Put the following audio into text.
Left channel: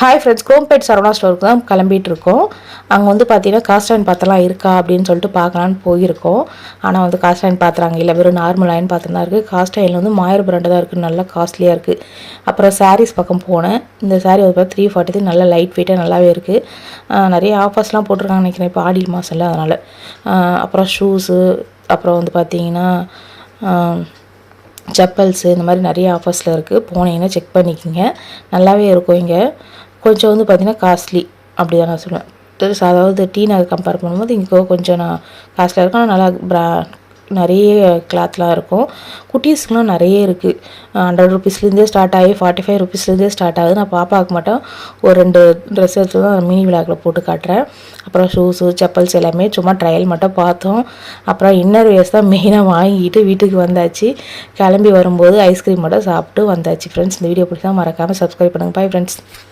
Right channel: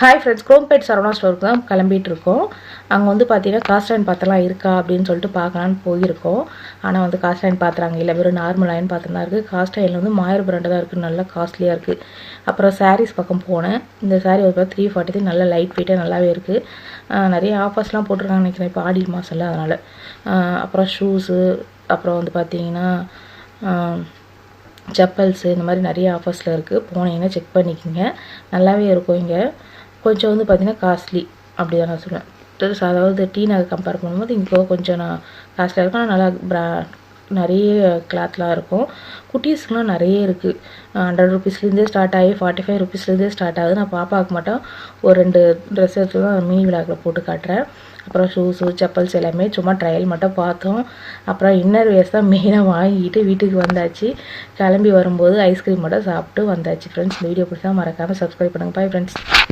Hi friends, Chromepet Saravana ஸ்டோருக்கு தான் கிளம்பிட்டு இருக்கோம். அங்கே வந்து பார்த்தீங்கன்னா காஸ்ட் அயன் பாத்திரம்லாம் இருக்கா அப்படின்னு சொல்லிட்டு பார்க்கலான்னு போயிருக்கோம். ஆனால் வந்து காஸ்ட் அயன் பாத்திரம் இல்லை, வெறும் நார்மல் அயன் பாத்திரம் தான் இருக்குது. காஸ்ட் அயனில் வந்து மாயர் பிராண்டு தான் இருக்குது, நல்லா காஸ்ட்லியாக இருக்குது. அப்புறம் சாரீஸ் பக்கம் போனேன். இந்த சாரீ வந்து 340 நல்லா லைட் வெயிட்டாக நல்லாவே இருக்குது. நிறைய ஆஃபர்ஸ்லாம் போட்டிருக்காங்க நினைக்கிறேன் இப்போ ஆடி மாதம்ல, அதனால். அப்புறம் ஷூஸு, அப்புறம் வந்து பார்த்தீங்கன்னா செப்பல்ஸு, இந்த மாதிரி நிறைய ஆஃபர்ஸில் இருக்குது. போனீங்கன்னா செக் பண்ணிக்கோங்க, நல்லாவே இருக்கும். இங்கே கொஞ்சம் வந்து பார்த்திங்கன்னா காஸ்ட்லி அப்படி தான் நான் சொல்லுவேன். அதாவது டீ நகர் கம்பேர் பண்ணும்போது இங்கே கொஞ்சம் நான் காஸ்ட்லியாக இருக்கும். ஆனால் நல்லா நிறைய கிளாத்லாம் இருக்கும். குட்டீஸ்க்குலாம் நிறைய இருக்குது. 100 ருபீஸ்லேருந்தே ஸ்டார்ட் ஆகி 45 ருபீஸ்லேருந்தே ஸ்டார்ட் ஆகுது. நான் பாப்பாவுக்கு மட்டும் ஒரு 2 ட்ரெஸ் எடுத்து தான் மினி விளாக்கில் போட்டு காட்டுறேன். அப்புறம் ஷூஸு, செப்பல்ஸ் எல்லாமே சும்மா ட்ரையல் மட்டும் பார்த்தோம். அப்புறம் இன்னர் வேர்ஸ் தான் மெயினாக வாங்கிட்டு வீட்டுக்கு வந்தாச்சு. கிளம்பி வரும்போது ஐஸ்கிரீம் மட்டும் சாப்பிட்டு வந்தாச்சு. ஃப்ரெண்ட்ஸ், இந்த வீடியோ பிடிச்சா மறக்காமல் சப்ஸ்கிரைப் பண்ணுங்கள். Bye friends.